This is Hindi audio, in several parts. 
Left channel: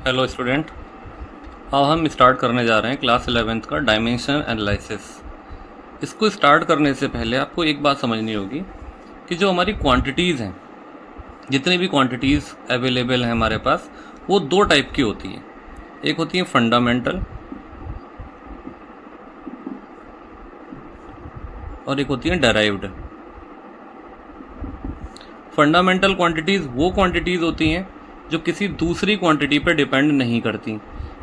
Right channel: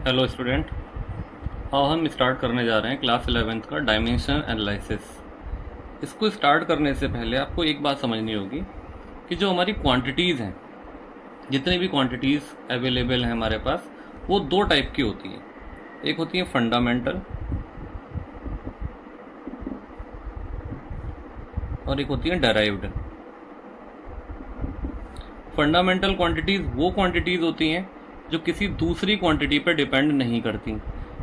Hello student. हाँ, हम स्टार्ट करने जा रहे हैं क्लास 11th का डायमेंशन एनालिसिस। इसको स्टार्ट करने से पहले आपको एक बात समझनी होगी कि जो हमारी क्वांटिटीज़ हैं, जितनी भी क्वांटिटीज़ अवेलेबल हैं हमारे पास, वो दो टाइप की होती हैं। एक होती है फंडामेंटल और एक होती है डेराइव्ड। फंडामेंटल क्वांटिटीज़ वो क्वांटिटीज़ होती हैं जो किसी दूसरी क्वांटिटी पर डिपेंड नहीं करती,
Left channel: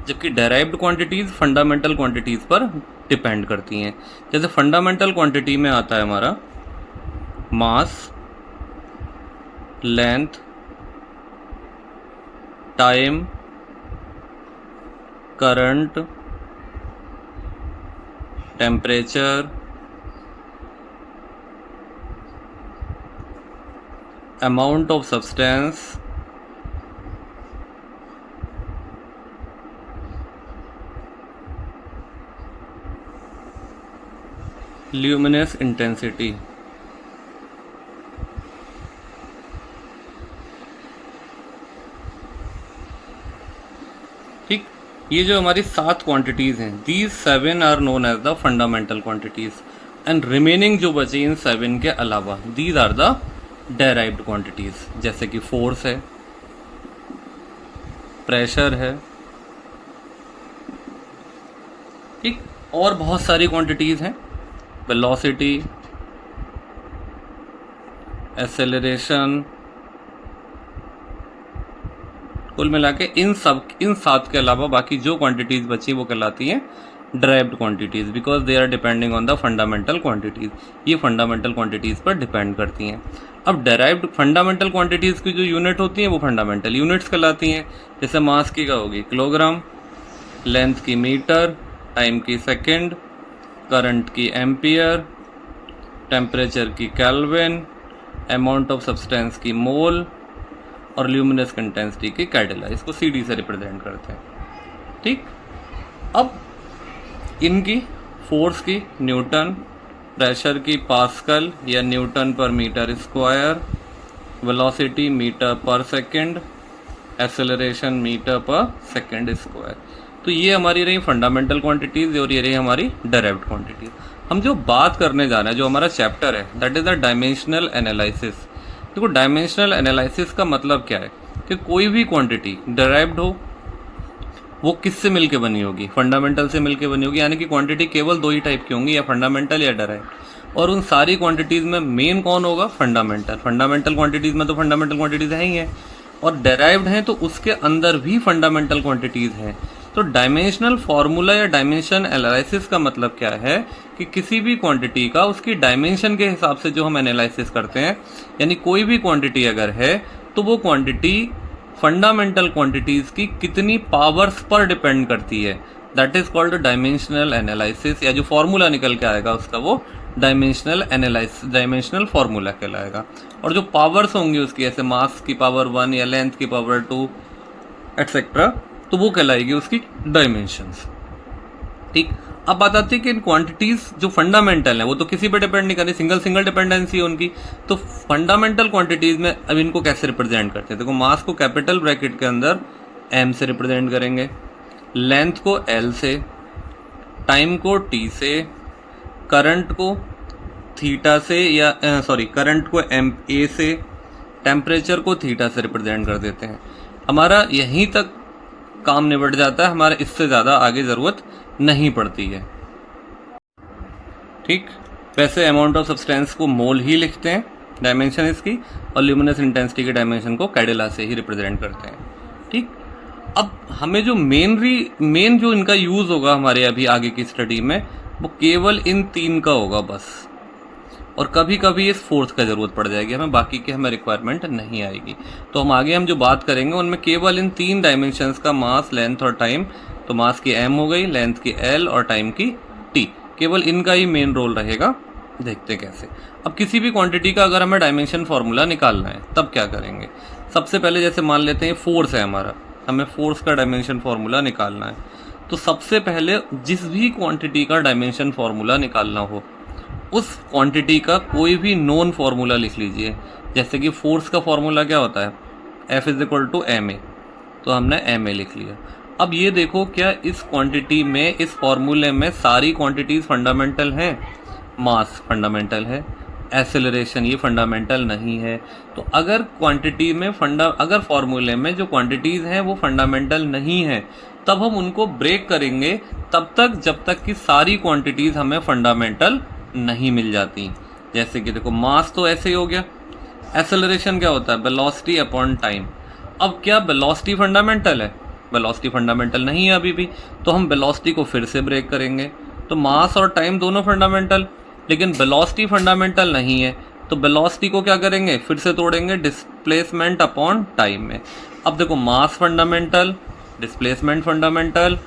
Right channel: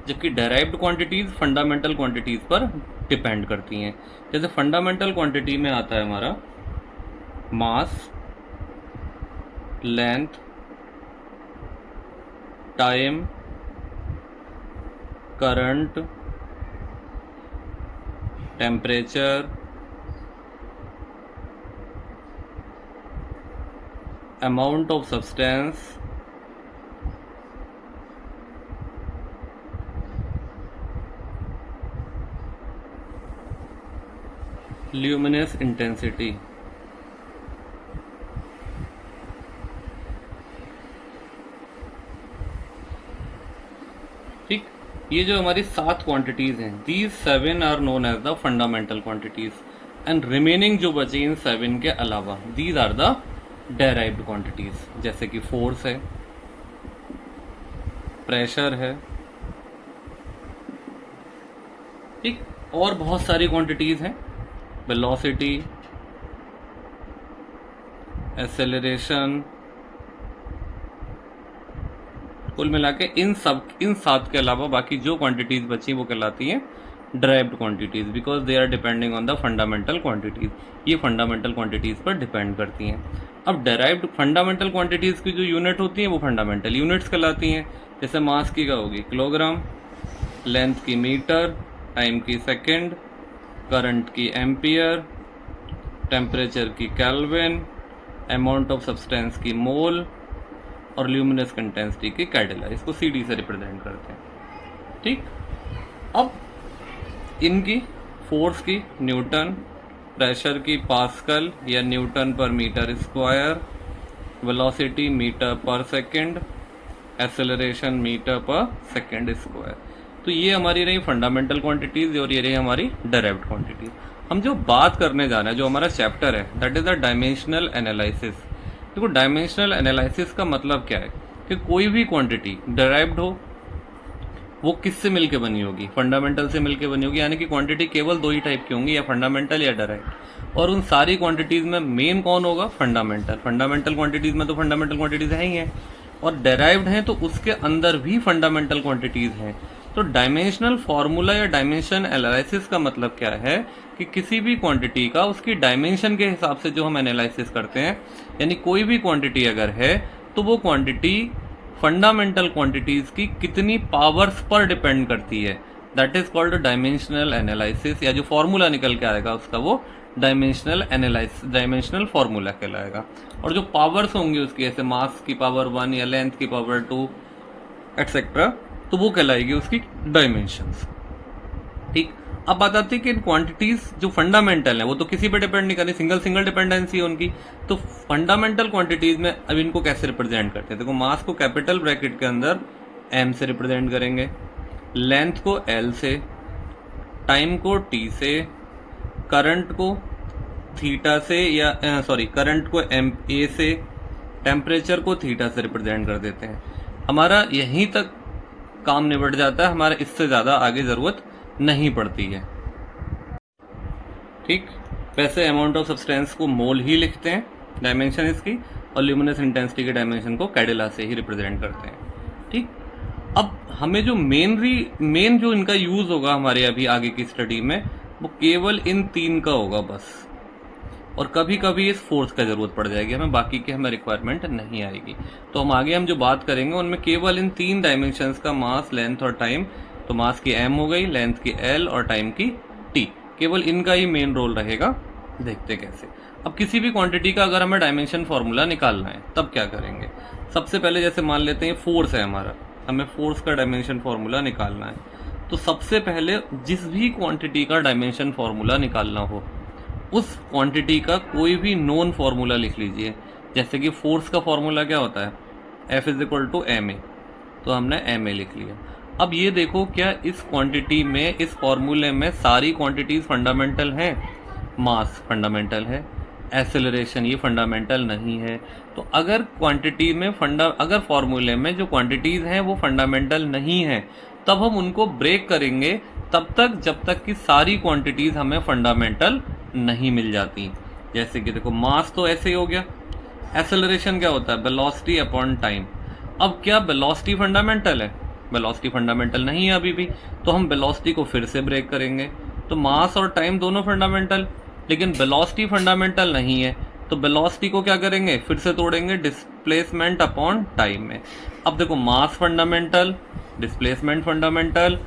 जबकि डेराइव्ड क्वांटिटीज़ फंडामेंटल क्वांटिटीज़ पर डिपेंड करती हैं। जैसे फंडामेंटल क्वांटिटी में आता है हमारा mass, length, time, current, temperature, amount of substance, luminous intensity. ठीक, ये जो हमारी 7 क्वांटिटीज़ हैं, these 7 are known as the fundamental quantities and remaining जो बची इन 7 के अलावा, these are the derived quantities. जैसे कि फोर्स है, प्रेशर है, ठीक, और बहुत सारी क्वांटिटीज़ हैं, वेलोसिटी, एक्सेलरेशन। कुल मिला के इन 7 के अलावा बाकी जो क्वांटिटीज़ बची वो कहलाती हैं derived quantities, because they are depending on the fundamental quantities. ये फंडामेंटल क्वांटिटीज़ पर डिपेंड करती हैं। अब डेराइव्ड फंडामेंटल क्वांटिटीज़ की जो यूनिट होती हैं वो फंडामेंटल यूनिट्स कहलाती हैं। जैसे मास की क्या होगी, किलोग्राम, लेंथ की मीटर, टाइम की सेकेंड, करंट की एम्पियर, टेम्परेचर की केल्विन, अमाउंट ऑफ सब्सटेंस की मोल और ल्यूमिनस इंटेंसिटी की कैडिला। इसको CD से रिप्रेजेंट करते हैं। ठीक, अब इनकी फोर्स की न्यूटन, प्रेशर की पास्कल या न्यूटन पर मीटर स्क्वायर, वेलोसिटी मीटर पर सेकंड, एक्सेलरेशन मीटर पर सेकंड स्क्वायर। तो ये हमारी रही फंडामेंटल क्वांटिटीज़ और ये रही हमारी डायरेक्ट क्वांटिटीज। हम जो बात करने जा रहे हैं, जो हमारा चैप्टर है, that is the dimensional analysis. देखो, डायमेंशनल एनालिसिस का मतलब क्या है कि कोई भी क्वांटिटी डेराइव्ड हो, वो किससे मिलके बनी होगी, फंडामेंटल से मिलके बनी होगी। यानी कि क्वांटिटी केवल दो ही टाइप की होंगी, या फंडामेंटल या डेराइव्ड। और उन सारी क्वांटिटीज़ में मेन कौन होगा, फंडामेंटल। फंडामेंटल क्वांटिटीज़ में तो फंडामेंटल क्वांटिटीज़ है ही हैं, और डेराइव्ड हैं तो उसके अंदर भी फंडामेंटल क्वांटिटीज़ हैं। तो डायमेंशनल फार्मूला या डायमेंशन एनालिसिस का मतलब क्या है कि किसी भी क्वांटिटी का उसकी डायमेंशन के हिसाब से जो हम एनालिसिस करते हैं, यानी कोई भी क्वांटिटी अगर है तो वो क्वांटिटी फंडामेंटल क्वांटिटीज की कितनी पावर्स पर डिपेंड करती है, that is called dimensional analysis. या जो फॉर्मूला निकल के आएगा उसका वो डायमेंशनल एनालिसिस, डायमेंशनल फॉर्मूला कहलाएगा। और जो पावर्स होंगी उसकी, ऐसे मास की पावर 1 या लेंथ की पावर 2 एटसेट्रा, तो वो कहलाएगी उसकी डायमेंशंस। ठीक, अब बात आती है कि इन क्वांटिटीज जो फंडामेंटल है वो तो किसी पे डिपेंड नहीं करती, सिंगल डिपेंडेंसी है उनकी। तो फंडामेंटल क्वांटिटीज में अब इनको कैसे रिप्रेजेंट करते हैं, देखो, मास को कैपिटल ब्रैकेट के अंदर m से रिप्रेजेंट करेंगे, लेंथ को L से, टाइम को T से, करंट को थीटा से, या करंट को A से, टेम्परेचर को थीटा से रिप्रेजेंट कर देते हैं। हमारा यहीं तक काम निबट जाता है, हमारे इससे ज़्यादा आगे ज़रूरत नहीं पड़ती है। ठीक, वैसे अमाउंट ऑफ सब्सटेंस को मोल ही लिखते हैं, डायमेंशन इसकी, और ल्यूमिनस इंटेंसिटी के डायमेंशन को कैडिला से ही रिप्रेजेंट करते हैं। ठीक, अब हमें जो मेन जो इनका यूज़ होगा हमारे अभी आगे की स्टडी में, वो केवल इन 3 का होगा बस। और कभी कभी इस फोर्थ का ज़रूरत पड़ जाएगी हमें, बाकी की हमें रिक्वायरमेंट नहीं आएगी। तो हम आगे जो बात करेंगे उनमें केवल इन 3 डायमेंशंस का, मास, लेंथ और टाइम। तो मास की m हो गई, लेंथ की L और टाइम की T, केवल इनका ही मेन रोल रहेगा। देखते कैसे। अब किसी भी क्वांटिटी का अगर हमें डायमेंशन फार्मूला निकालना है तब क्या करेंगे। सबसे पहले जैसे मान लेते हैं फोर्स है हमारा, हमें फोर्स का डायमेंशन फार्मूला निकालना है। तो सबसे पहले जिस भी क्वांटिटी का डायमेंशन फार्मूला निकालना हो, उस क्वांटिटी का कोई भी नोन फार्मूला लिख लीजिए। जैसे कि फोर्स का फार्मूला क्या होता है, F = ma। तो हमने एम ए लिख लिया। अब ये देखो क्या इस क्वांटिटी में, इस फॉर्मूले में सारी क्वांटिटीज फंडामेंटल हैं? मास फंडामेंटल है, एक्सेलरेशन ये फंडामेंटल नहीं है। तो अगर क्वांटिटी में अगर फॉर्मूले में जो क्वांटिटीज हैं वो फंडामेंटल नहीं है, तब हम उनको ब्रेक करेंगे तब तक जब तक कि सारी क्वांटिटीज हमें फंडामेंटल नहीं मिल जाती। जैसे कि देखो मास तो ऐसे ही हो गया, एक्सेलरेशन क्या होता है? Velocity upon time. अब क्या वेलोसिटी फंडामेंटल है? वेलोसिटी फंडामेंटल नहीं है अभी भी, तो हम वेलोसिटी को फिर से ब्रेक करेंगे। तो मास और टाइम दोनों फंडामेंटल, लेकिन वेलोसिटी फंडामेंटल नहीं है, तो वेलोसिटी को क्या करेंगे? फिर से तोड़ेंगे डिस्प्लेसमेंट अपॉन टाइम में। अब देखो mass fundamental, displacement fundamental,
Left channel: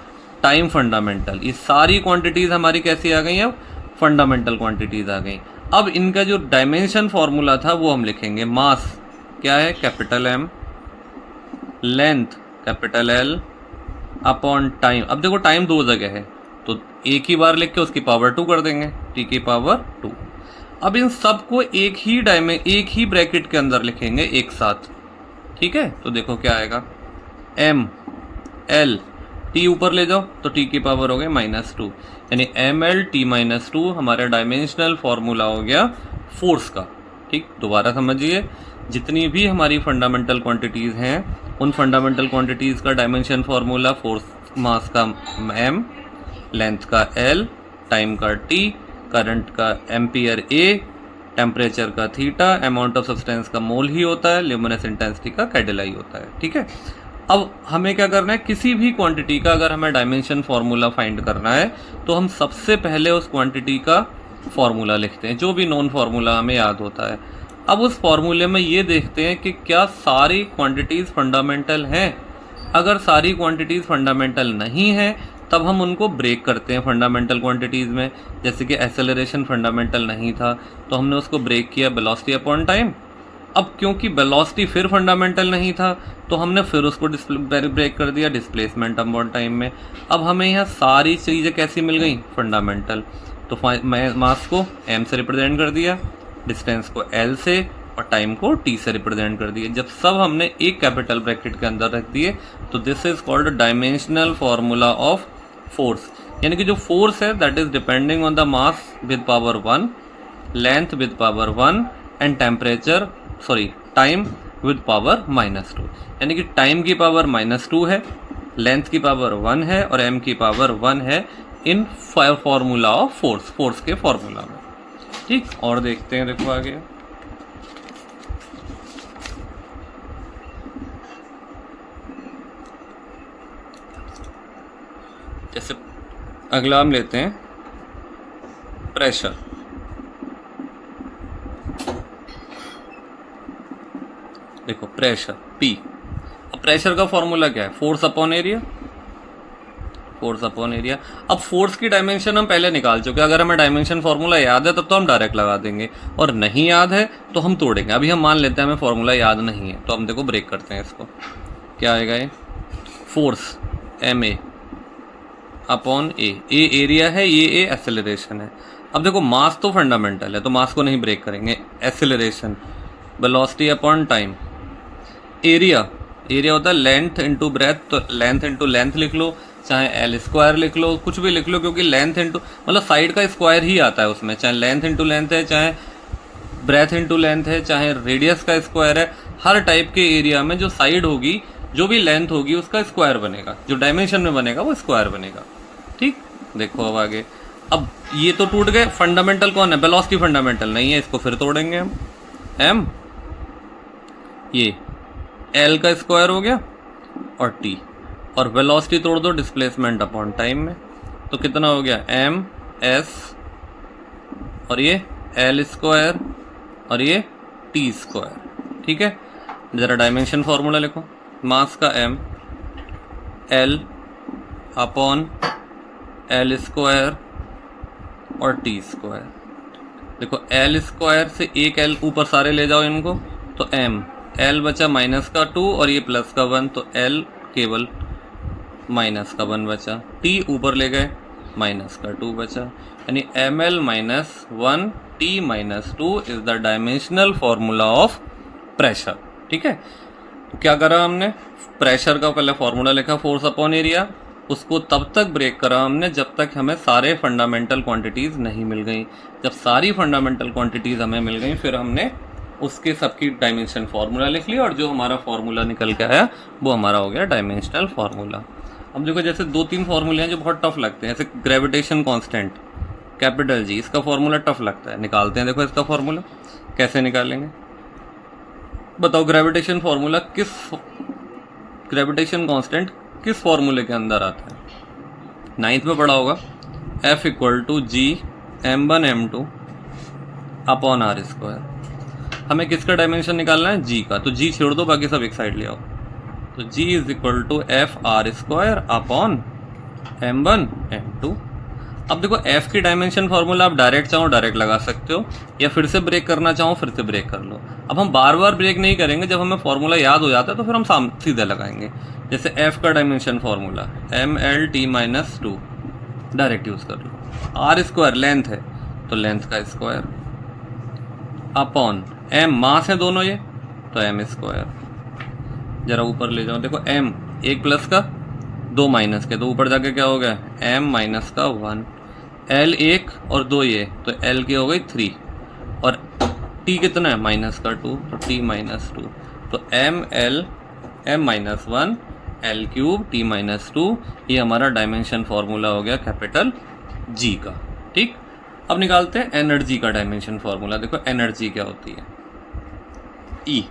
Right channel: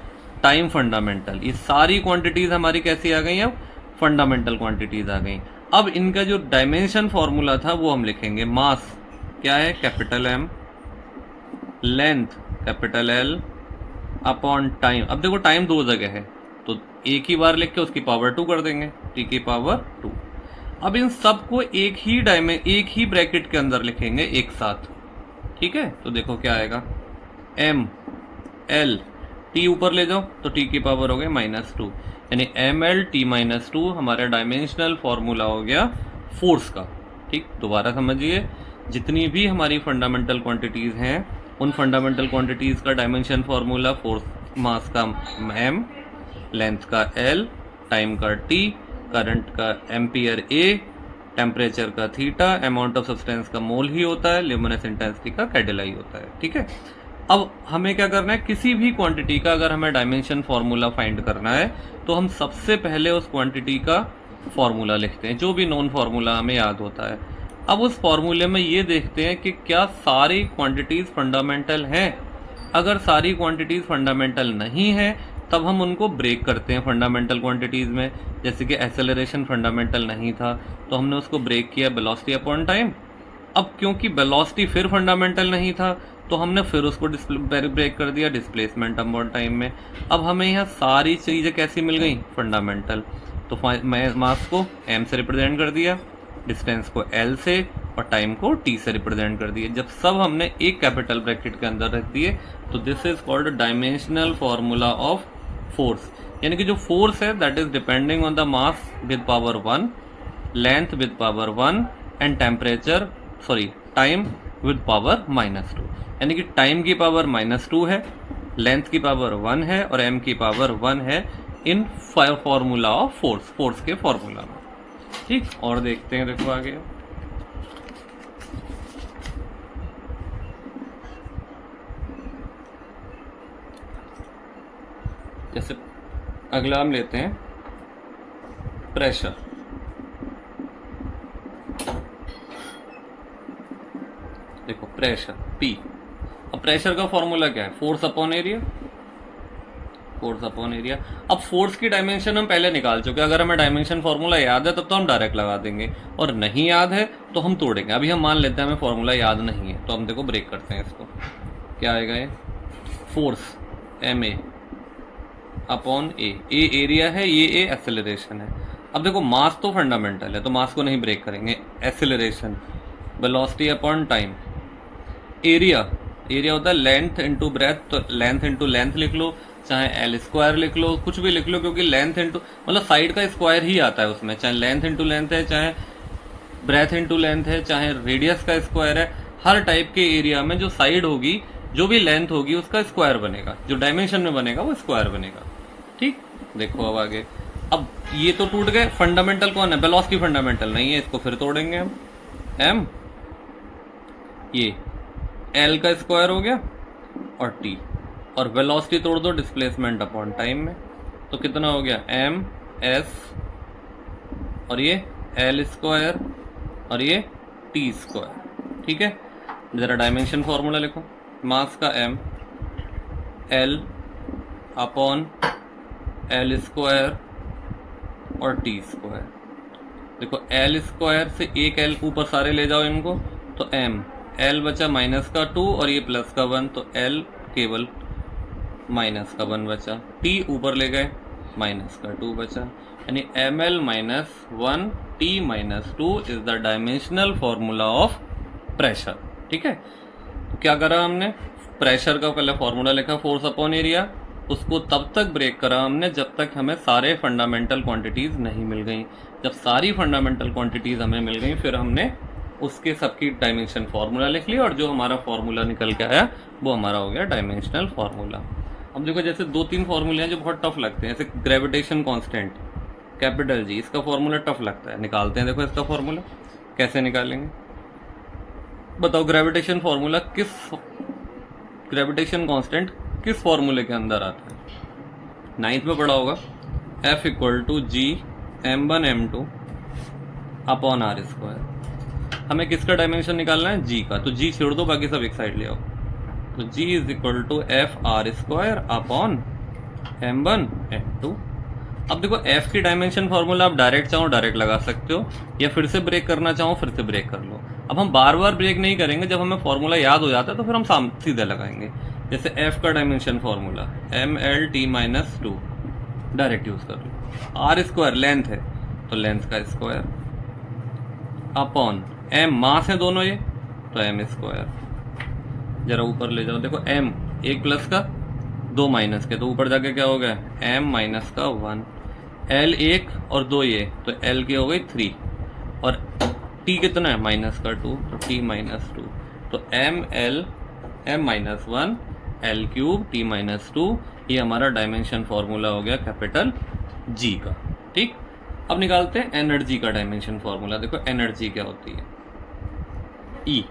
time fundamental, ये सारी क्वांटिटीज हमारी कैसी आ गई? अब फंडामेंटल क्वांटिटीज आ गई। अब इनका जो डायमेंशन फॉर्मूला था वो हम लिखेंगे। मास क्या है? Capital M, length capital L upon time. अब देखो टाइम दो जगह है, तो एक ही बार लिख के उसकी पावर 2 कर देंगे, टी की पावर 2। अब इन सबको एक ही ब्रैकेट के अंदर लिखेंगे एक साथ, ठीक है? तो देखो क्या आएगा, एम एल टी ऊपर ले जाओ तो टी की पावर हो गई -2, यानी एम एल टी -2 हमारा डायमेंशनल फॉर्मूला हो गया फोर्स का। ठीक, दोबारा समझिए, जितनी भी हमारी फंडामेंटल क्वांटिटीज हैं उन फंडामेंटल क्वांटिटीज का डायमेंशन फॉर्मूला फोर्स, मास का एम, लेंथ का एल, टाइम का टी, करंट का एम्पियर ए, टेम्परेचर का थीटा, अमाउंट ऑफ सब्सटेंस का मोल ही होता है, ल्यूमिनस इंटेंसिटी का कैडेलाई होता है। ठीक है, अब हमें क्या करना है, किसी भी क्वांटिटी का अगर हमें डायमेंशन फॉर्मूला फाइंड करना है तो हम सबसे पहले उस क्वांटिटी का फॉर्मूला लिखते हैं, जो भी नॉन फॉर्मूला हमें याद होता है। अब उस फॉर्मूले में ये देखते हैं कि क्या सारी क्वांटिटीज फंडामेंटल हैं। अगर सारी क्वांटिटीज फंडामेंटल नहीं है तब हम उनको ब्रेक करते हैं फंडामेंटल क्वांटिटीज में। जैसे कि एक्सेलरेशन फंडामेंटल नहीं था तो हमने उसको ब्रेक किया वेलोसिटी अपॉन टाइम। अब क्योंकि वेलोसिटी फिर फंडामेंटल नहीं था तो हमने फिर उसको ब्रेक कर दिया डिस्प्लेसमेंट अपॉन टाइम में। अब हमें यहाँ सारी चीज़ें कैसी मिल गई? फंडामेंटल। तो मास को m से रिप्रेजेंट कर दिया, डिस्टेंस को l से, और टाइम को t से रिप्रेजेंट कर दिया। जब सब हमने एक कैपिटल ब्रैकेट के अंदर रख दिए तो this is called dimensional formula of force. यानी कि जो फोर्स है that is depending on the mass with power 1, length with power 1 and temperature time with power -2। यानी कि टाइम की पावर -2 है, लेंथ की पावर 1 है और m की पावर 1 है इन फॉर्मूला ऑफ फोर्स के फॉर्मूला में। ठीक, और देखते हैं, देखो आगे जैसे अगला हम लेते हैं प्रेशर। देखो प्रेशर P। अब प्रेशर का फॉर्मूला क्या है? Force upon area, force upon area. अब फोर्स की डायमेंशन हम पहले निकाल चुके हैं, अगर हमें डायमेंशन फॉर्मूला याद है तब तो हम डायरेक्ट लगा देंगे, और नहीं याद है तो हम तोड़ेंगे। अभी हम मान लेते हैं हमें फॉर्मूला याद नहीं है तो हम देखो ब्रेक करते हैं इसको। क्या आएगा ये? Force M A upon A area है, ये ए एक्सेलरेशन है। अब देखो मास तो फंडामेंटल है तो मास को नहीं ब्रेक करेंगे, acceleration velocity upon time. Area होता है लेंथ इंटू ब्रेथ, तो लेंथ इंटू लेंथ लिख लो, चाहे एल स्क्वायर लिख लो, कुछ भी लिख लो, क्योंकि लेंथ इंटू मतलब साइड का स्क्वायर ही आता है उसमें, चाहे लेंथ इंटू लेंथ है, चाहे ब्रेथ इंटू लेंथ है, चाहे रेडियस का स्क्वायर है। हर टाइप के एरिया में जो साइड होगी, जो भी लेंथ होगी उसका स्क्वायर बनेगा, जो डायमेंशन में बनेगा वो स्क्वायर बनेगा। ठीक, देखो अब आगे। अब ये तो टूट गए, फंडामेंटल कौन है? वेलोसिटी फंडामेंटल नहीं है, इसको फिर तोड़ेंगे हम। एम, ये एल का स्क्वायर हो गया और टी, और वेलोसिटी तोड़ दो डिस्प्लेसमेंट अपॉन टाइम में, तो कितना हो गया? एम एस और ये एल स्क्वायर और ये टी स्क्वायर। ठीक है, जरा डायमेंशन फॉर्मूला लिखो। मास का M, L upon L square और टी स्क्वायर। देखो एल स्क्वायर से एक एल ऊपर सारे ले जाओ इनको, तो एम, एल बचा -2 और ये +1, तो एल केवल -1 बचा, टी ऊपर ले गए -2 बचा, यानी ml -1 t -2 is the dimensional formula of pressure. ठीक है, तो क्या करा हमने, प्रेशर का पहले फॉर्मूला लिखा फोर्स अपॉन एरिया, उसको तब तक ब्रेक करा हमने जब तक हमें सारे फंडामेंटल क्वांटिटीज़ नहीं मिल गई। जब सारी फंडामेंटल क्वांटिटीज़ हमें मिल गई फिर हमने उसके सबकी डायमेंशन फार्मूला लिख लिया, और जो हमारा फार्मूला निकल के आया वो हमारा हो गया डायमेंशनल फार्मूला। अब देखो जैसे 2-3 फार्मूले हैं जो बहुत टफ लगते हैं, जैसे ग्रेविटेशन कांस्टेंट कैपिटल जी, इसका फार्मूला टफ लगता है, निकालते हैं। देखो इसका फार्मूला कैसे निकालेंगे, बताओ ग्रेविटेशन कांस्टेंट किस फार्मूले के अंदर आता है? 9th में पढ़ा होगा, F equal to G m1 m2 upon R square. हमें किसका डायमेंशन निकालना है? जी का, तो जी छोड़ दो, बाकी सब एक साइड ले आओ। तो G is equal to F R square upon m1 m2। अब देखो f की डायमेंशन फार्मूला आप डायरेक्ट चाहो डायरेक्ट लगा सकते हो, या फिर से ब्रेक करना चाहो फिर से ब्रेक कर लो। अब हम बार बार ब्रेक नहीं करेंगे, जब हमें फार्मूला याद हो जाता है तो फिर हम सीधे लगाएंगे। जैसे f का dimension formula mlt-2 direct use कर लो। आर स्क्वायर लेंथ है तो लेंथ का स्क्वायर अपॉन m मास है दोनों ये, तो m स्क्वायर। जरा ऊपर ले जाओ, देखो m एक प्लस का 2 माइनस के, तो ऊपर जाके क्या हो गया m माइनस का 1, l 1 और 2 ये, तो l की हो गई 3, और t कितना है -2, तो t -2, तो m minus 1 l cube t -2, ये हमारा डायमेंशन फार्मूला हो गया कैपिटल G का। ठीक, अब निकालते हैं एनर्जी का डायमेंशन फार्मूला। देखो एनर्जी क्या होती है, E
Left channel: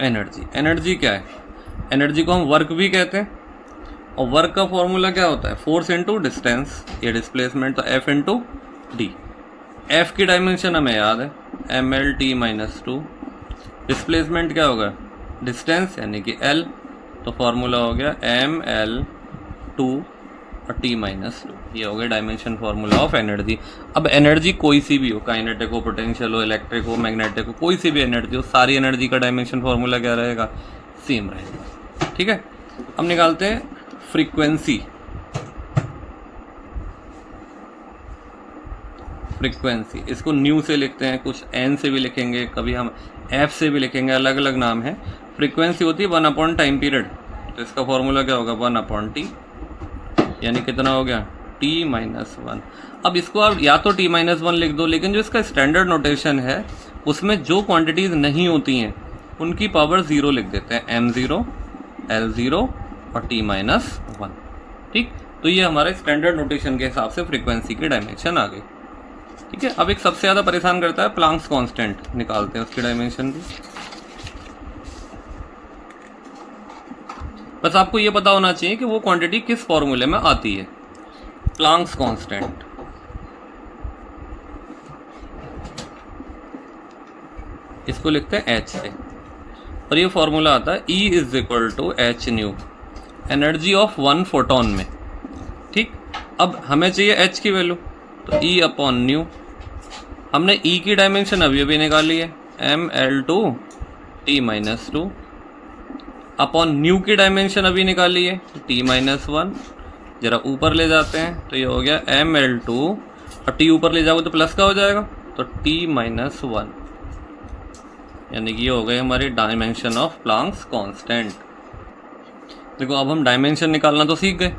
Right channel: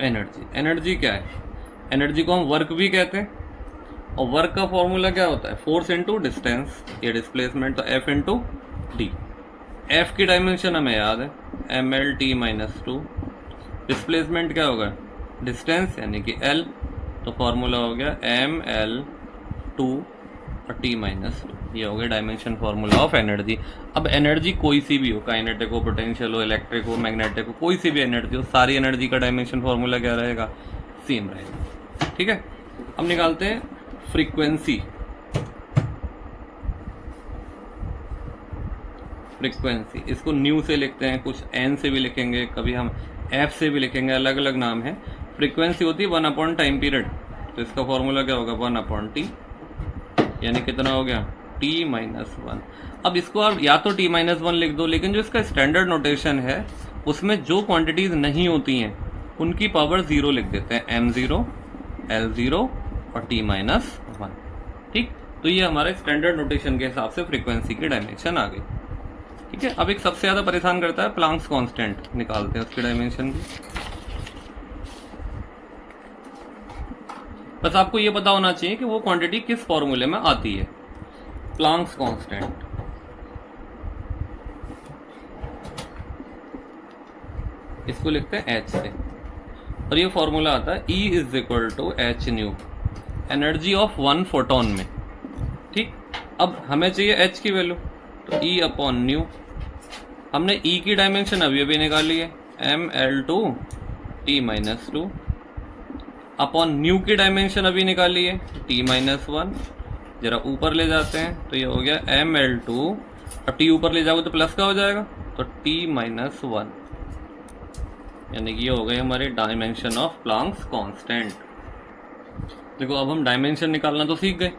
एनर्जी क्या है? एनर्जी को हम वर्क भी कहते हैं, और वर्क का फॉर्मूला क्या होता है? फोर्स इंटू डिस्टेंस, ये डिस्प्लेसमेंट, तो F इंटू डी। F की डायमेंशन हमें याद है mlt-2, डिस्प्लेसमेंट क्या होगा? डिस्टेंस यानी कि L, तो फॉर्मूला हो गया ml2 और t-2, ये हो गया डायमेंशन फार्मूला ऑफ एनर्जी। अब एनर्जी कोई सी भी हो, काइनेटिक हो, पोटेंशियल हो, इलेक्ट्रिक हो, मैग्नेटिक हो, कोई सी भी एनर्जी हो, सारी एनर्जी का डायमेंशन फार्मूला क्या रहेगा? सेम रहेगा। ठीक है, अब निकालते हैं फ्रीक्वेंसी। इसको न्यू से लिखते हैं, कुछ एन से भी लिखेंगे, कभी हम एफ से भी लिखेंगे, अलग अलग नाम है। फ्रीक्वेंसी होती है 1 टाइम पीरियड, तो इसका फॉर्मूला क्या होगा? 1/t, यानी कितना हो गया? t-1। अब इसको आप या तो t-1 लिख दो, लेकिन जो इसका स्टैंडर्ड नोटेशन है उसमें जो क्वांटिटीज नहीं होती हैं उनकी पावर 0 लिख देते हैं, m0, l0 और t-1। ठीक, तो ये हमारे स्टैंडर्ड नोटेशन के हिसाब से फ्रीक्वेंसी की डायमेंशन आ गई। ठीक है, अब एक सबसे ज़्यादा परेशान करता है प्लांक्स कांस्टेंट, निकालते हैं उसकी डायमेंशन भी। बस आपको ये पता होना चाहिए कि वो क्वांटिटी किस फॉर्मूले में आती है। प्लांक्स कांस्टेंट, इसको लिखते हैं h से, और ये फॉर्मूला आता है E is equal to h nu, energy of 1 photon में। ठीक, अब हमें चाहिए h की वैल्यू, तो E अपॉन न्यू। हमने E की डायमेंशन अभी निकाली है ml2 t-2, अपॉन न्यू की डायमेंशन अभी निकाली है t-1। जरा ऊपर ले जाते हैं तो ये हो गया ml2, और t ऊपर ले जाओगे तो प्लस का हो जाएगा, तो t-1, यानी कि ये हो गई हमारी डायमेंशन ऑफ प्लांक्स कांस्टेंट। देखो अब हम डायमेंशन निकालना तो सीख गए,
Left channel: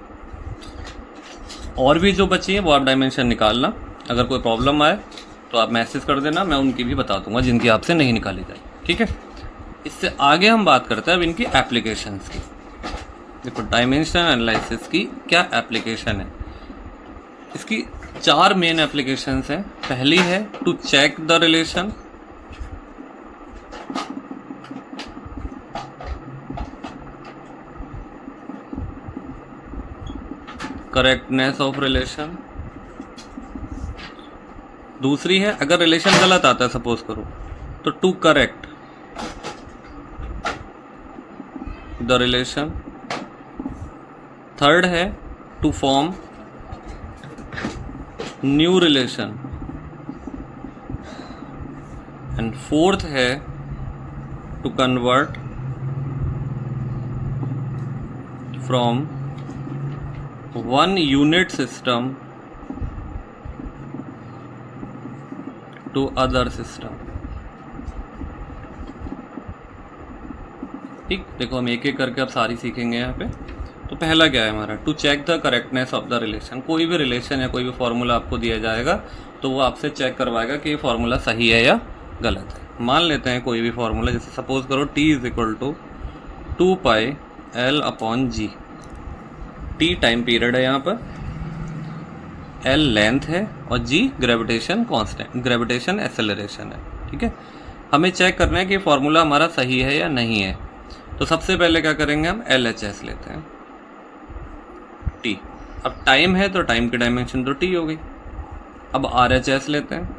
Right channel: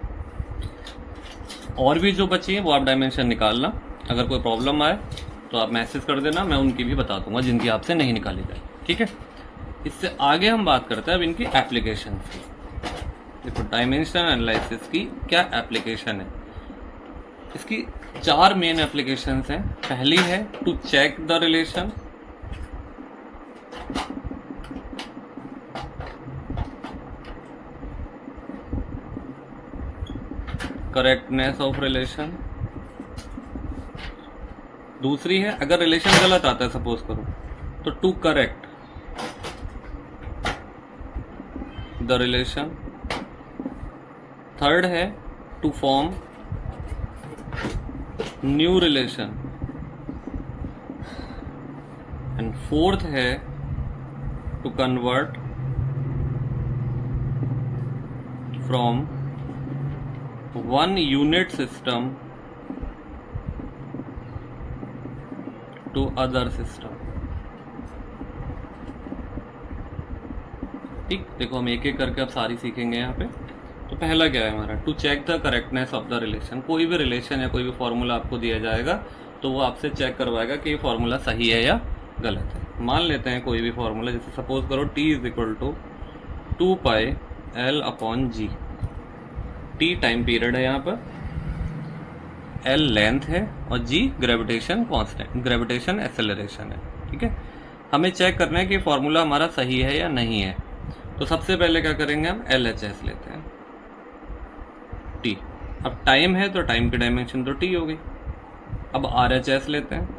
और भी जो बची है वो आप डायमेंशन निकालना। अगर कोई प्रॉब्लम आए तो आप मैसेज कर देना, मैं उनकी भी बता दूंगा जिनकी आपसे नहीं निकाली जाए। ठीक है, इससे आगे हम बात करते हैं अब इनकी एप्लीकेशंस की। देखो डायमेंशन एनालिसिस की क्या एप्लीकेशन है, इसकी 4 मेन एप्लीकेशंस हैं। पहली है to check the relation, correctness of relation. दूसरी है अगर रिलेशन गलत आता है सपोज करो, तो to correct the relation. Third है to form new relation, and fourth है to convert from one unit system to other system। ठीक, देखो हम एक एक करके अब सारी सीखेंगे यहाँ पे। तो पहला क्या है हमारा, to check the correctness of the relation. कोई भी रिलेशन या कोई भी फॉर्मूला आपको दिया जाएगा तो वो आपसे चेक करवाएगा कि ये फॉर्मूला सही है या गलत है। मान लेते हैं कोई भी फॉर्मूला, जैसे सपोज करो t is equal to 2 pi L upon G. T time period है यहाँ पर, एल लेंथ है और G gravitation constant, gravitation acceleration है। ठीक है, हमें चेक करना है कि फॉर्मूला हमारा सही है या नहीं है। तो सबसे पहले क्या करेंगे, हम LHS लेते हैं t। अब टाइम है तो टाइम की डायमेंशन तो t हो गई। अब RHS लेते हैं।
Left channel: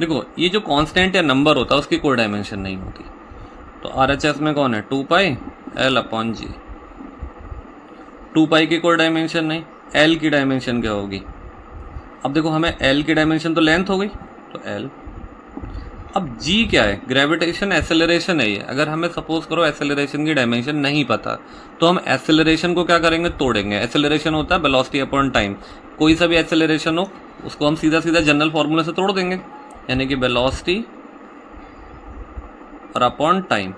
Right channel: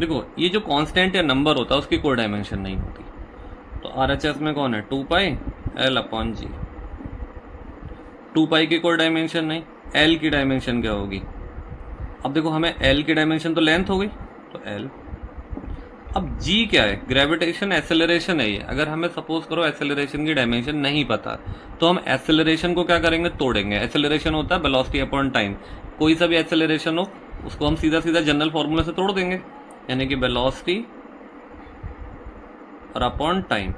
देखो ये जो कांस्टेंट या नंबर होता है उसकी कोई डायमेंशन नहीं होती, तो RHS में कौन है, 2 पाई एल अपॉन जी। 2 पाई की कोई डायमेंशन नहीं, एल की डायमेंशन क्या होगी। अब देखो हमें एल की डायमेंशन तो लेंथ हो गई, तो एल। अब जी क्या है, ग्रेविटेशन एक्सेलरेशन है ये। अगर हमें सपोज करो एक्सेलरेशन की डायमेंशन नहीं पता तो हम एक्सेलरेशन को क्या करेंगे, तोड़ेंगे। एक्सेलरेशन होता है वेलोसिटी अपॉन टाइम। कोई सा भी एक्सेलरेशन हो उसको हम सीधा सीधा जनरल फॉर्मूला से तोड़ देंगे, यानी कि वेलोसिटी और अपॉन टाइम,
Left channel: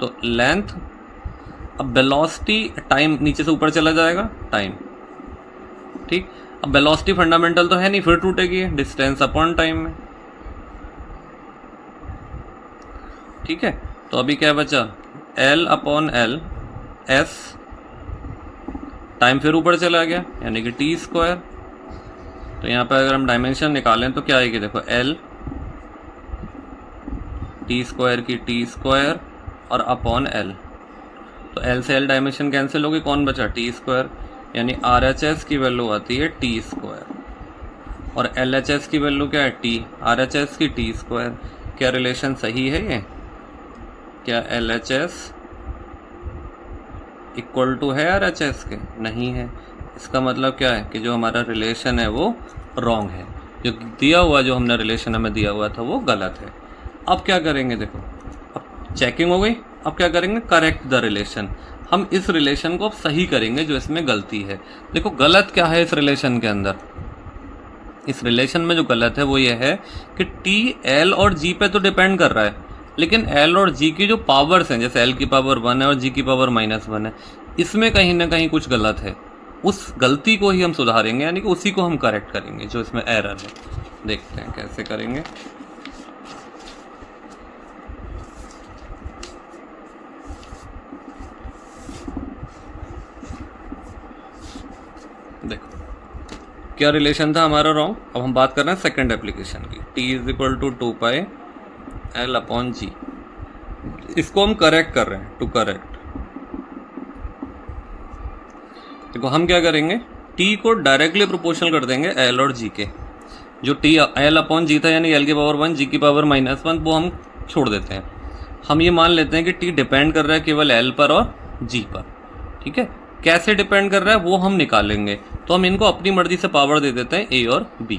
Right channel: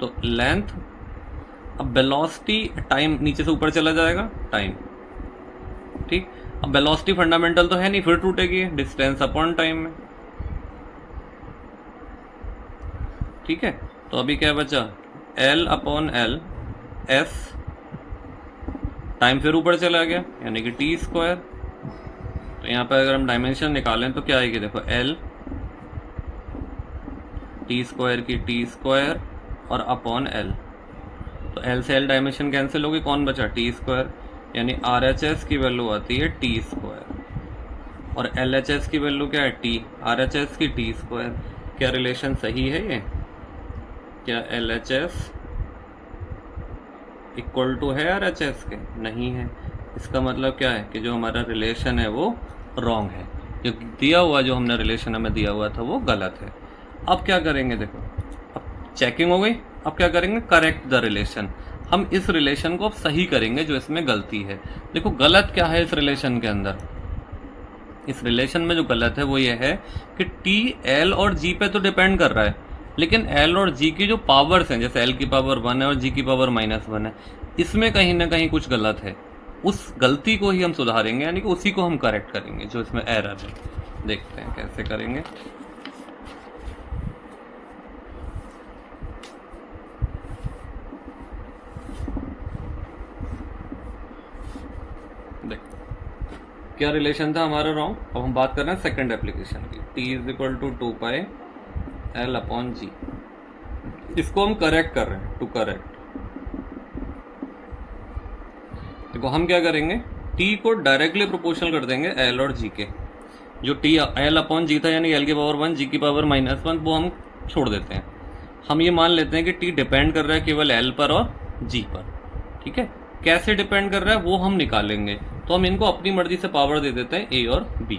तो लेंथ। अब वेलोसिटी टाइम नीचे से ऊपर चला जाएगा, टाइम। ठीक, अब वेलोसिटी फंडामेंटल तो है नहीं, फिर टूटेगी डिस्टेंस अपॉन टाइम में। ठीक है, तो अभी क्या बचा, L upon L S, time फिर ऊपर चला गया यानी कि टी स्क्वायर। तो यहाँ पर अगर हम डायमेंशन निकालें तो क्या आएगी, देखो L टी स्क्वायर की टी स्क्वायर और अपॉन L। तो L से L डायमेंशन कैंसिल होगी, कौन बचा, टी स्क्वायर। यानी RHS की वैल्यू आती है टी स्क्वायर और LHS की वैल्यू क्या है, टी। RHS की टी स्क्वायर। क्या रिलेशन सही है ये, क्या LHS इक्वल टू है RHS के, नहीं है। इसका मतलब क्या है कि जो हमारा रिलेशन है वो रॉन्ग है, जो दिया हुआ, जो हमने रिलेशन हमें दिया हुआ था वो गलत है। अब क्या करेंगे, देखो अब चेकिंग हो गई, अब क्या करेंगे, करेक्ट द रिलेशन। हम इस रिलेशन को अब सही करेंगे जो इसमें गलती है। देखो गलत क्या है इस रिलेशन के अंदर, इस रिलेशन में जो गलत है वो ये है कि टी एल और जी पे तो डिपेंड कर रहा है, लेकिन एल और जी की जो पावर्स हैं, जैसे एल की पावर 1 है और जी की पावर -1 है, इसमें कहीं ना कहीं कुछ गलत है। उस गलती को ही हम सुधारेंगे, यानी कि उसी को हम करेक्ट करेंगे जो इसमें एरर है। देखते हैं कैसे करेंगे। देखो क्या रिलेशन था हमारा रॉन्ग। अब हम बात कर रहे हैं सेकंड एप्लीकेशन की, t is equal to 2 pi L upon G. इसको हम करेक्ट कर रहे हैं, टू करेक्ट। देखो हम क्या करेंगे, t को डायरेक्टली प्रोपोर्शनल कर देंगे l और g के। जो t l अपॉन जी था यानी l की पावर 1 g की पावर -1, वो हम छोड़ देते हैं। हम ये मान लेते हैं कि t डिपेंड कर रहा है केवल l पर और g पर। ठीक है, कैसे डिपेंड कर रहा है वो हम निकालेंगे। तो हम इनको अपनी मर्जी से पावर दे देते हैं a और b।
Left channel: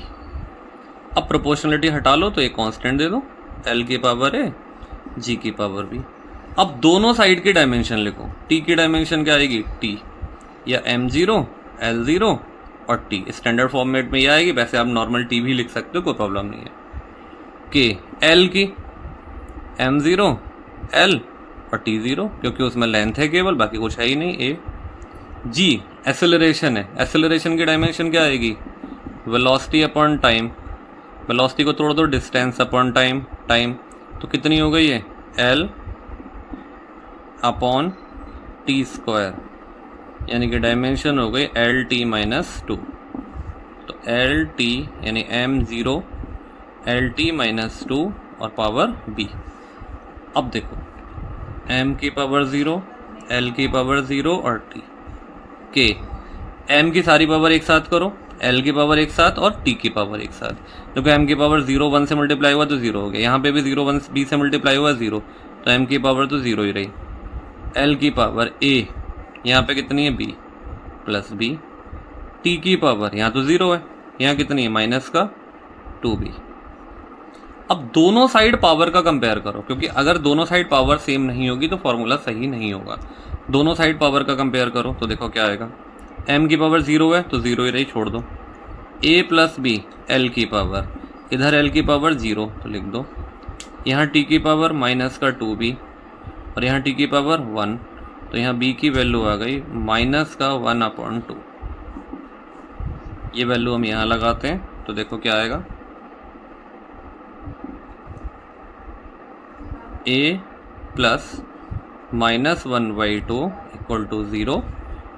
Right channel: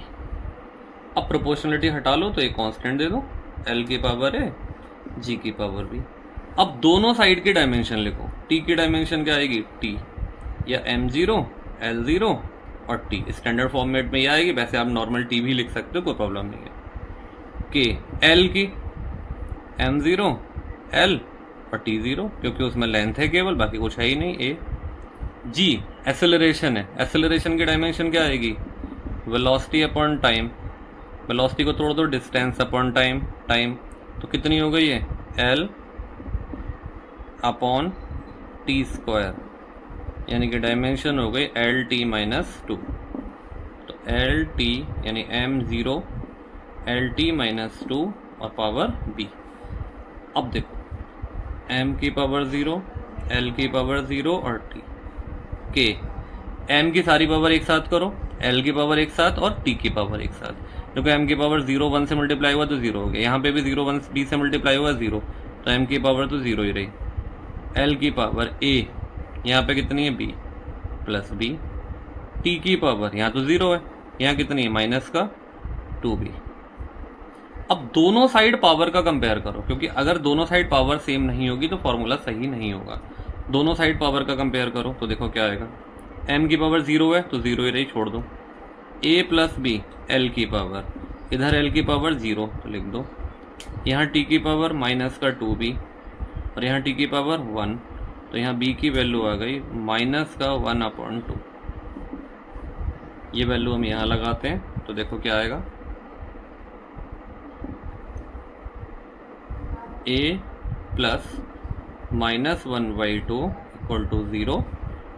अब प्रोपोर्शनलिटी हटा लो तो एक कांस्टेंट दे दो, l की पावर a g की पावर b। अब दोनों साइड की डायमेंशन लिखो। t की डायमेंशन क्या आएगी, t या m0 l0 और t। स्टैंडर्ड फॉर्मेट में ये आएगी, वैसे आप नॉर्मल t भी लिख सकते हो, कोई प्रॉब्लम नहीं है। k l की m0 l और t0, क्योंकि उसमें लेंथ है केवल, बाकी कुछ है ही नहीं। a g एक्सेलरेशन है, एक्सेलरेशन की डायमेंशन क्या आएगी, वेलोसिटी अपॉन टाइम। वेलोसिटी को तोड़ दो, डिस्टेंस अपॉन टाइम, टाइम तो कितनी हो गई है, l अपॉन टी स्क्वायर, यानी कि डायमेंशन हो गई LT -2। तो LT यानी m0 LT -2 और पावर b। अब देखो m की पावर 0, l की पावर 0 और t के m की सारी पावर एक साथ करो, l की पावर एक साथ और t की पावर एक साथ। देखो m की पावर 0 1 से मल्टीप्लाई हुआ तो 0 हो गया, यहाँ पे भी 0 1 b से मल्टीप्लाई हुआ 0, तो m की पावर तो 0 ही रही। l की पावर a यहाँ पे कितनी है, b प्लस b। t की पावर यहाँ तो 0 है, यहाँ कितनी है, -2b। अब दोनों साइड पावर का कंपेयर करो, क्योंकि अगर दोनों साइड पावर सेम नहीं होगी तो फॉर्मूला सही नहीं होगा। दोनों साइड पावर का कंपेयर करो तो देखो क्या आएगा, m की पावर 0 है तो 0 ही रही, छोड़ दो। a प्लस b l की पावर, इधर l की पावर 0 तो लिख दो, यहाँ t की पावर -2b और यहाँ टी की पावर 1, तो यहाँ b की वैल्यू आ गई माइनस का 1/2। ये वैल्यू हम यहाँ लगाते हैं तो देखो क्या आएगा, a प्लस -1/2 इक्वल टू 0,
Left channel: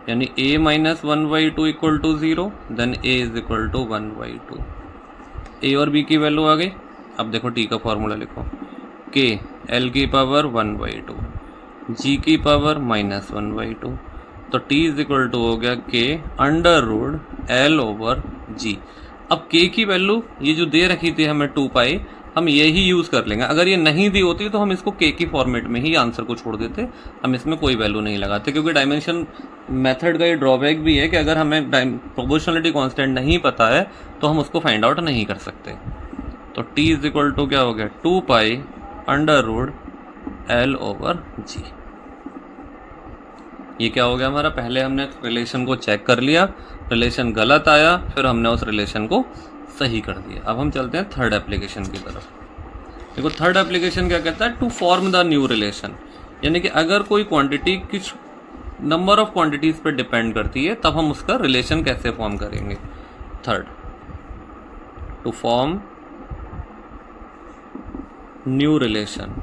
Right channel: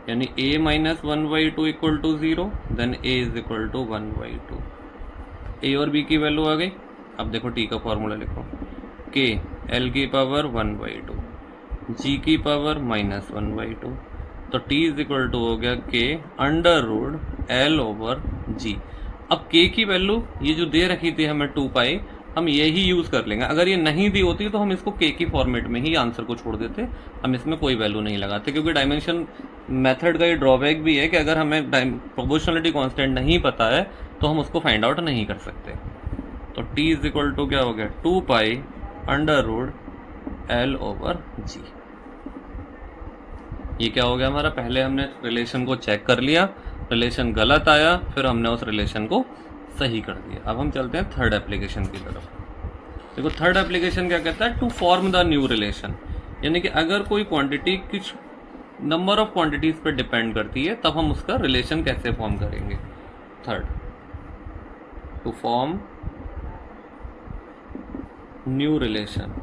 यानी a minus 1/2 equal to 0, then a is equal to 1/2। a और b की वैल्यू आ गई। अब देखो t का फॉर्मूला लिखो, k l की पावर 1/2, g की पावर -1/2, तो t इज इक्वल टू हो गया k under root l over g। अब k की वैल्यू ये जो दे रखी थी हमें 2 पाई, हम यही यूज़ कर लेंगे। अगर ये नहीं दी होती तो हम इसको k की फॉर्मेट में ही आंसर को छोड़ देते, हम इसमें कोई वैल्यू नहीं लगाते, क्योंकि डायमेंशन मेथड का ये ड्रॉबैक भी है कि अगर हमें प्रोपोर्शनलिटी कांस्टेंट नहीं पता है तो हम उसको फाइंड आउट नहीं कर सकते। तो t इज इक्वल टू क्या हो गया, 2 pi under root l over g। ये क्या हो गया हमारा, पहले हमने रिलेशन को चेक कर लिया, रिलेशन गलत आया, फिर हमने उस रिलेशन को सही कर दिया। अब हम चलते हैं थर्ड एप्लीकेशन की तरफ। देखो थर्ड एप्लीकेशन क्या कहता है, to form the new relation, यानी कि अगर कोई क्वांटिटी कुछ नंबर ऑफ क्वांटिटीज पर डिपेंड करती है तब हम उसका रिलेशन कैसे फॉर्म करेंगे। Third, to form new relation.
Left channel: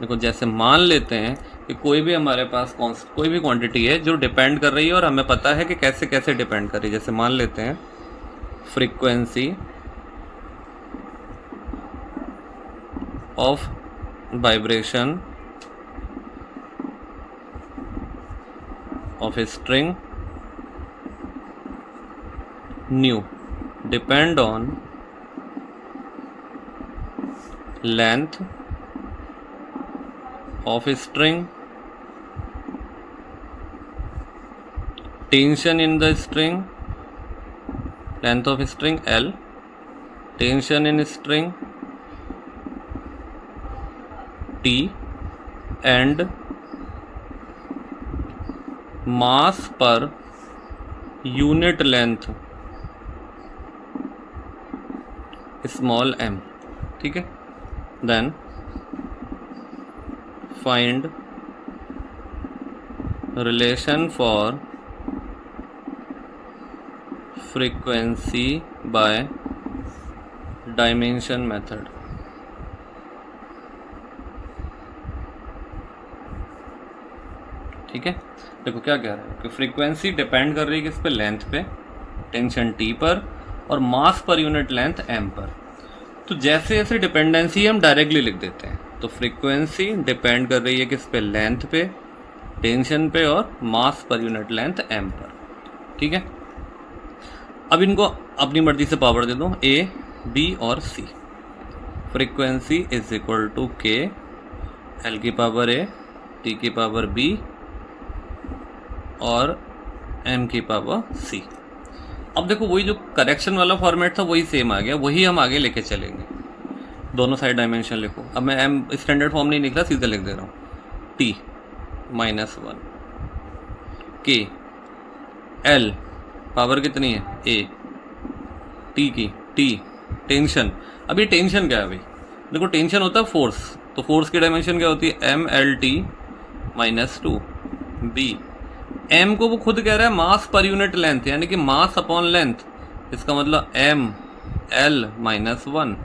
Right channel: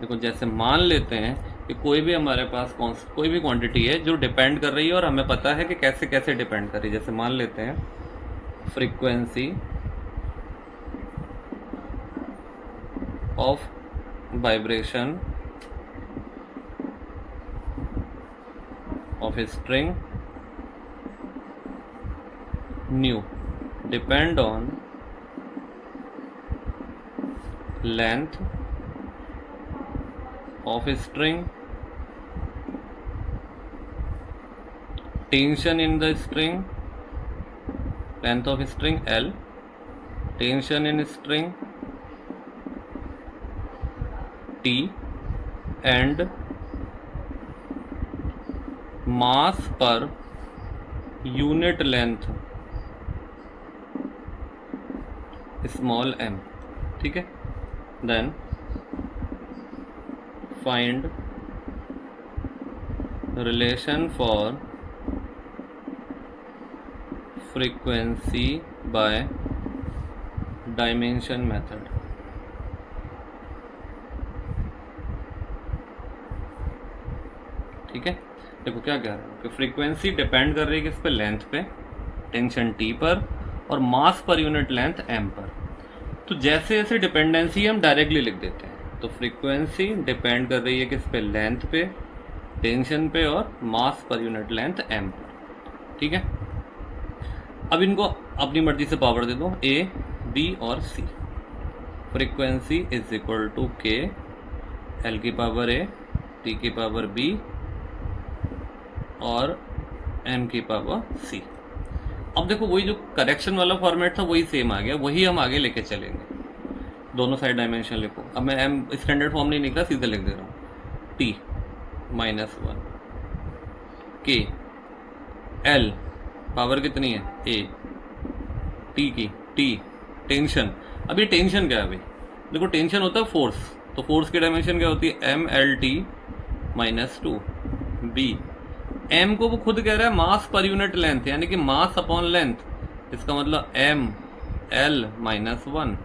देखो जैसे मान लेते हैं कि कोई भी हमारे पास कोई भी क्वांटिटी है जो डिपेंड कर रही है और हमें पता है कि कैसे कैसे डिपेंड कर रही है। जैसे मान लेते हैं frequency of vibration of a string new depend on length of a string, tension in the string, length of a string L, tension in a string T, and mass per unit length small m। ठीक है, then find relation for frequency by dimension method। ठीक है, देखो क्या कह रहा है कि फ्रीक्वेंसी डिपेंड कर रही है किस पे, लेंथ पे, टेंशन टी पर, और मास पर यूनिट लेंथ एम पर। तो जैसे जैसे डिपेंडेंसी हम डायरेक्टली लिख देते हैं। तो फ्रीक्वेंसी डिपेंड कर रही है किस पे, लेंथ पे, टेंशन पे और मास पर यूनिट लेंथ एम पर। ठीक है, अब इनको अपनी मर्जी से पावर दे दो, ए बी और सी। फ्रीक्वेंसी इज इक्वल टू के एल की पावर ए, टी की पावर बी और एम की पावर सी। अब देखो वही जो करेक्शन वाला फॉर्मेट था वही सेम आ गया, वही हम आगे लेके चलेंगे। दोनों साइड डायमेंशन लिखो। अब मैं एम स्टैंडर्ड फॉर्म नहीं लिख रहा, सीधे लिख दे रहा हूँ, टी -1, के एल पावर कितनी है, ए, टी की टी टेंशन। अभी टेंशन क्या है भाई, देखो टेंशन होता है फोर्स, तो फोर्स की डायमेंशन क्या होती है, MLT -2। बी एम को वो खुद कह रहा है मास पर यूनिट लेंथ, यानी कि मास अपॉन लेंथ, इसका मतलब ML -1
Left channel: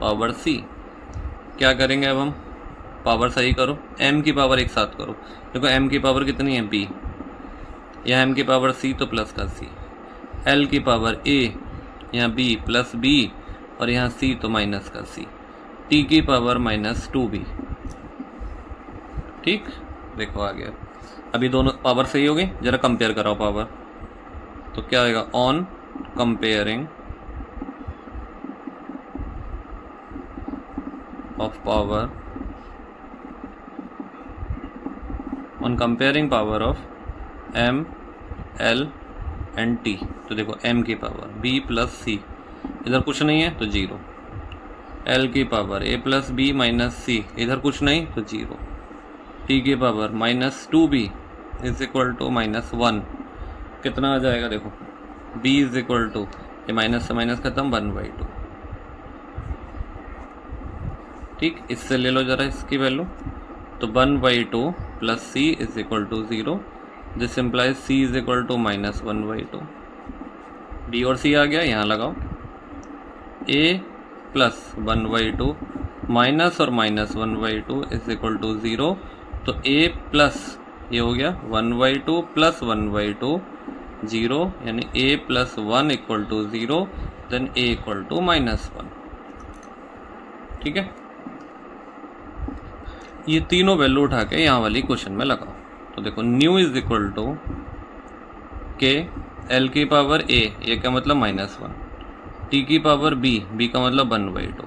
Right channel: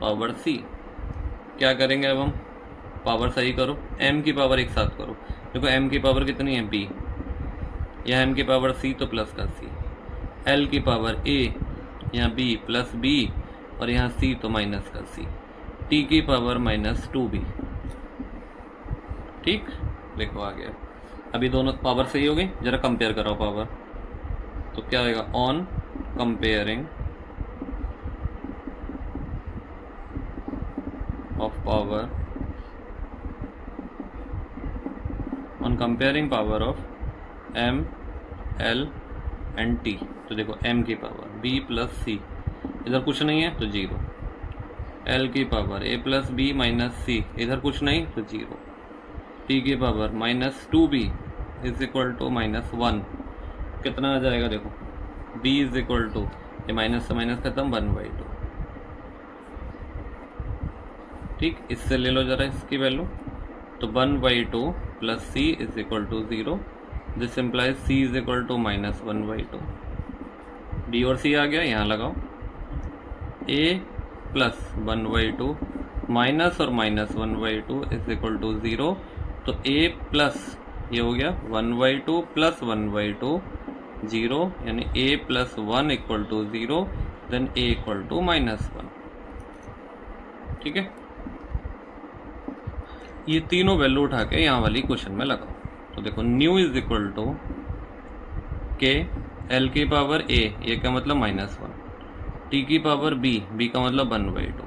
पावर सी। क्या करेंगे अब हम, पावर सही करो, m की पावर एक साथ करो। देखो m की पावर कितनी है, b, यहाँ m की पावर c तो प्लस का c, l की पावर a, यहाँ b प्लस b और यहाँ c तो माइनस का c, t की पावर -2b। ठीक, देखो आ गया। अभी दोनों पावर सही हो गई, जरा कंपेयर कराओ पावर। तो क्या आएगा, on comparing of power, on comparing power of m, l and t। तो देखो m की पावर b प्लस c, इधर कुछ नहीं है तो 0, l की power a plus b minus c, इधर कुछ नहीं तो 0, t की power -2b is equal to -1। कितना आ जाएगा देखो, b इज इक्वल टू, ये माइनस से माइनस खत्म, 1/2। ठीक, इससे ले लो जरा इसकी वैल्यू, तो 1/2 plus C is equal to 0, this implies C is equal to -1/2। B और सी आ गया, यहाँ लगाओ, ए प्लस 1/2 माइनस और -1/2 इज इक्वल टू 0, तो ए प्लस ये हो गया 1/2 प्लस 1/2 0, यानी a plus 1 equal to 0, then a equal to -1। ठीक है, ये तीनों वैल्यू उठा के यहाँ वाली क्वेश्चन में लगाओ। तो देखो न्यू इज इक्वल टू के एल की पावर a, ये का मतलब -1, t की पावर b, b का मतलब 1/2,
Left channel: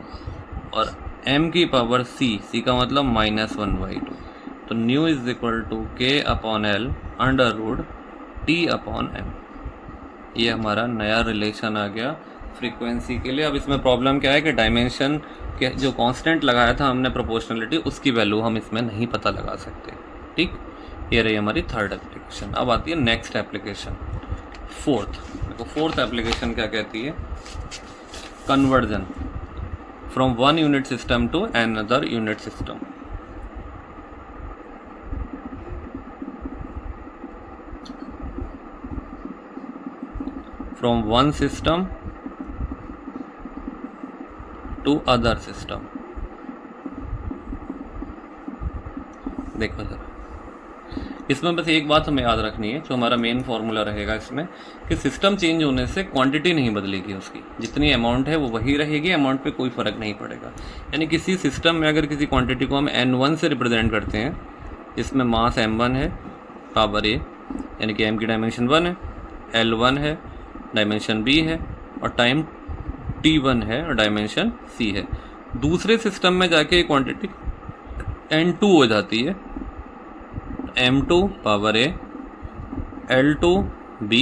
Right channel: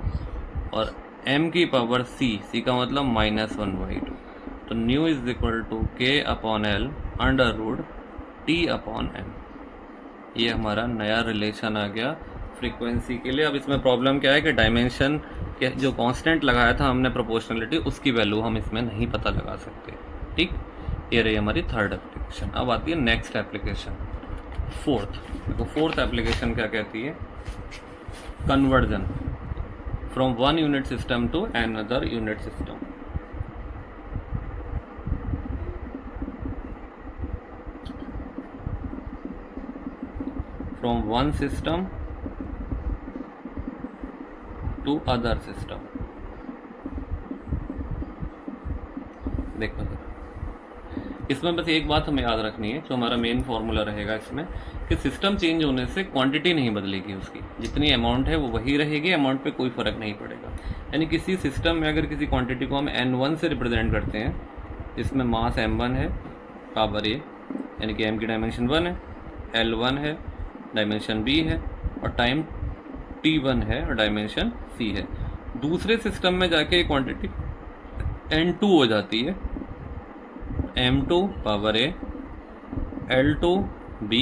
और m की पावर c, c का मतलब -1/2। तो nu is equal to K upon L under root T upon M. ये हमारा नया रिलेशन आ गया फ्रीक्वेंसी के लिए। अब इसमें प्रॉब्लम क्या है कि डायमेंशन के जो कांस्टेंट लगाया था हमने प्रोपोर्शनलिटी, उसकी वैल्यू हम इसमें नहीं पता लगा सकते। ठीक, ये रही हमारी थर्ड एप्लीकेशन। अब आती है नेक्स्ट एप्लीकेशन, फोर्थ। देखो फोर्थ एप्लीकेशन क्या कहती है, conversion from one unit system to another unit system. From one system to other system। देखो जरा, इसमें बस एक बात हमें याद रखनी है, जो हमारा मेन फॉर्मूला रहेगा इसमें, कि सिस्टम चेंज होने से क्वांटिटी नहीं बदलेगी, उसकी जितनी अमाउंट है वो वही रहेगी, अमाउंट पे कोई फ़र्क नहीं पड़ेगा। यानी किसी सिस्टम में अगर किसी क्वांटिटी को हम n1 से रिप्रेजेंट करते हैं, इसमें मास m1 है, पावर a, यानी कि m की डायमेंशन 1 है, l1 है, डायमेंशन b है, और टाइम t1 है और डायमेंशन c है। दूसरे सिस्टम में जाके क्वांटिटी n2 हो जाती है, m2 power a, l2 b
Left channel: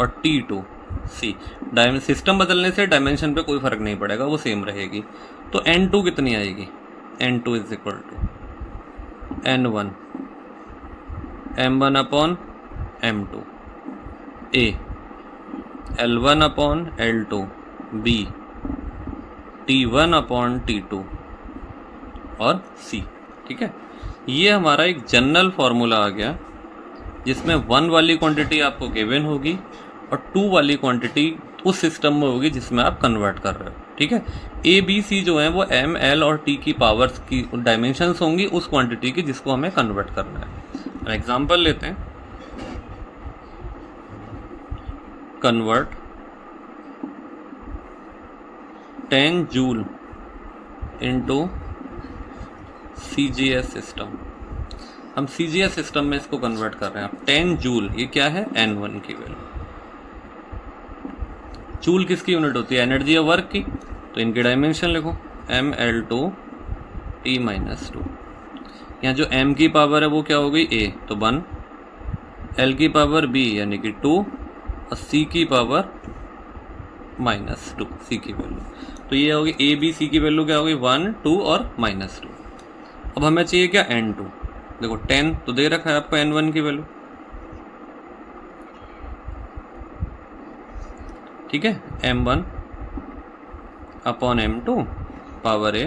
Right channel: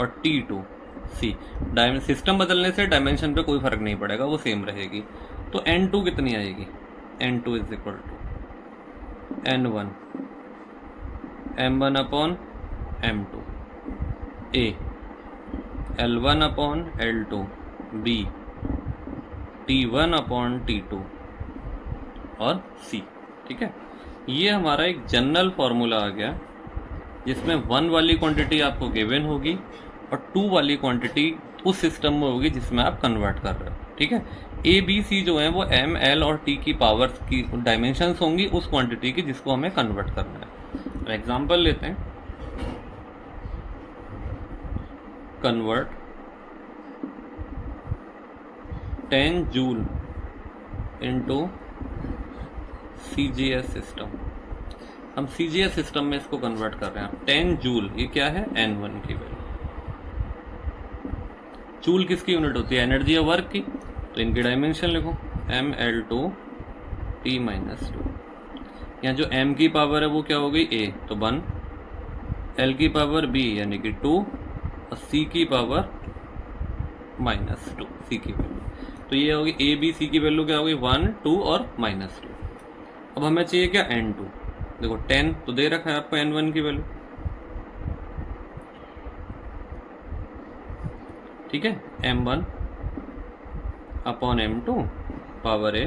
और t2 c। सिस्टम बदलने से डायमेंशन पे कोई फ़र्क नहीं पड़ेगा, वो सेम रहेगी। तो n2 कितनी आएगी, n2 is equal to n1 m1 upon m2 a, L1 upon L2 B, T1 upon T2 और C। ठीक है, ये हमारा एक जनरल फार्मूला आ गया, जिसमें 1 वाली क्वांटिटी आपको गिवन होगी और 2 वाली क्वांटिटी उस सिस्टम में होगी जिसमें आप कन्वर्ट कर रहे हो। ठीक है, A B C जो है वो M L और T की पावर्स की डायमेंशंस होंगी उस क्वांटिटी की जिसको हमें कन्वर्ट करना है। एग्जाम्पल लेते हैं, convert 10 joule into CGS system. हम CGS सिस्टम में इसको कन्वर्ट कर रहे हैं। 10 जूल ये क्या है, N1 की वैल्यू। जूल किसकी यूनिट होती है, एनर्जी या वर्क की, तो इनकी डायमेंशन लिखो, ML2 T-2। यहाँ जो M की पावर है वो क्या हो गई, A, तो 1, L की पावर B यानी कि 2, और C की पावर -2, C की वैल्यू। तो ये होगी A B C की वैल्यू क्या होगी, 1 2 और -2। अब हमें चाहिए क्या, N2। देखो 10 तो दे रखा है आपको N1 की वैल्यू। ठीक है, M1 upon M2 power A,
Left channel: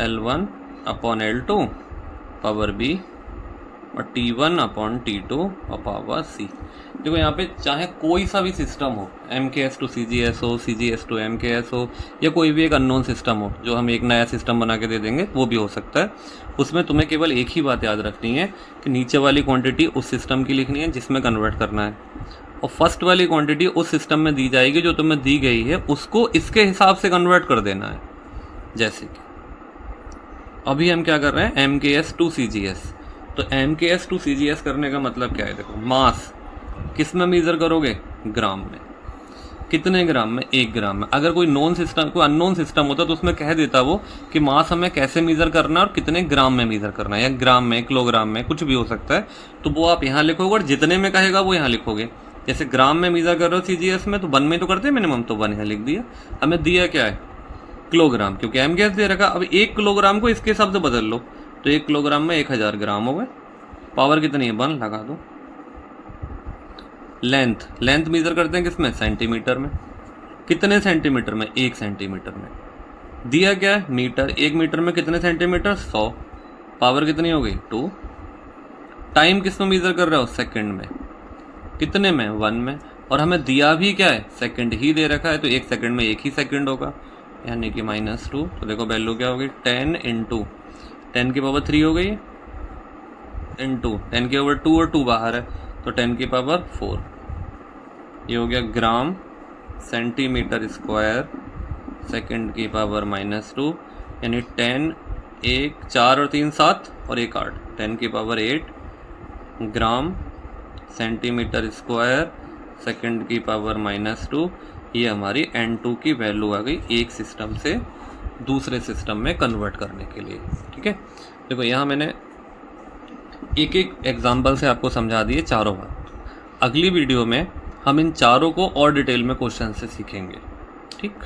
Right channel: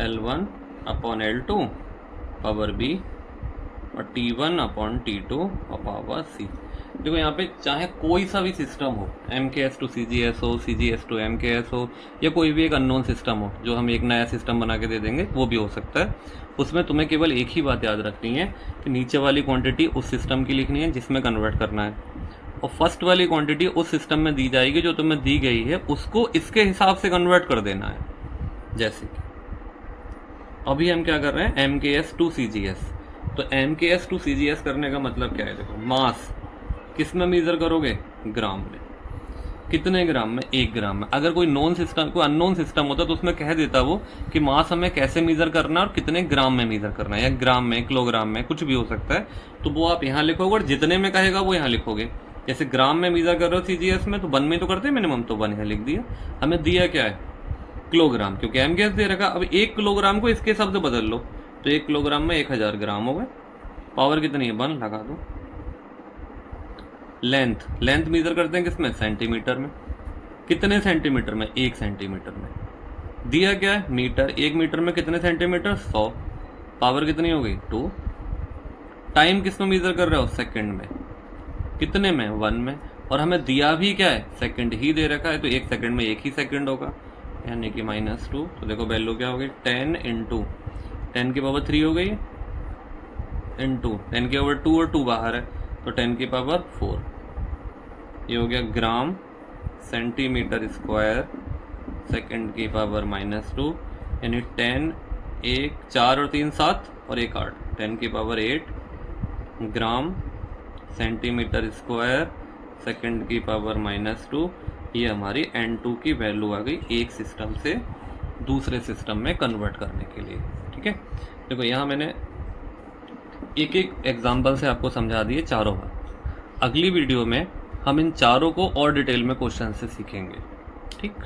L1 upon L2 power B, और T1 अपॉन T2 और पावर C। देखो यहाँ पे चाहे कोई सा भी सिस्टम हो, MKS टू CGS हो, CGS टू MKS हो, या कोई भी एक अननोन सिस्टम हो जो हम एक नया सिस्टम बना के दे देंगे, वो भी हो सकता है। उसमें तुम्हें केवल एक ही बात याद रखनी है कि नीचे वाली क्वांटिटी उस सिस्टम की लिखनी है जिसमें कन्वर्ट करना है, और फर्स्ट वाली क्वांटिटी उस सिस्टम में दी जाएगी जो तुम्हें दी गई है, उसको इसके हिसाब से कन्वर्ट कर देना है। जैसे कि अभी हम क्या कर रहे हैं, MKS टू CGS। तो MKS टू CGS करने का मतलब क्या है, देखो मास किस में मेज़र करोगे, ग्राम में। कितने ग्राम में, 1 ग्राम में। अगर कोई नॉन सिस्टम, कोई अननोन सिस्टम होता तो उसमें कह देता वो कि मास हमें कैसे मेज़र करना है और कितने ग्राम में मेज़र करना है, या ग्राम में, किलोग्राम में, कुछ भी हो सकता है। तो वो आप यहाँ लिखोगे, और जितने में कहेगा वो यहाँ लिखोगे। जैसे ग्राम में मेज़र कर रहे हो CGS में, तो 1 में तो करते हैं मिनिमम, तो 1 यहाँ लिख दिया। हमें दिया क्या है, किलोग्राम, क्योंकि MKS दे रखा। अब 1 किलोग्राम को इसके शब्द बदल लो, तो 1 किलोग्राम में 1000 ग्राम हो गए। पावर कितनी है, 1 लगा दो। लेंथ मेजर करते हैं किसमें, सेंटीमीटर में। कितने सेंटीमीटर में, 1 सेंटीमीटर में। दिया क्या है मीटर, 1 मीटर में कितने सेंटीमीटर 100, पावर कितनी हो गई 2। टाइम किस में मेजर कर रहे हो सेकंड में, कितने में 1 में, और हमें दिया भी क्या है सेकंड ही दे रखा है, तो 1 सेकंड में 1 ही सेकंड होगा, यानी कि -2। तो देखो वैल्यू क्या हो गई 10 इंटू 10 की पावर 3 हो गई इंटू 10 की पावर 2 और 2 बाहर है तो 10 की पावर 4, ये हो गया ग्राम सेंटीमीटर स्क्वायर सेकंड की पावर -2, यानी 10 1 4 और 3 7 और 1 8, 10 की power 8 gram centimetre square second की पावर -2। ये हमारी N2 की वैल्यू आ गई एक सिस्टम से दूसरे सिस्टम में कन्वर्ट करने के लिए। ठीक है, देखो यहाँ मैंने एक एक एग्जाम्पल से आपको समझा दिए चारों बात। अगली वीडियो में हम इन चारों को और डिटेल में क्वेश्चन से सीखेंगे। ठीक।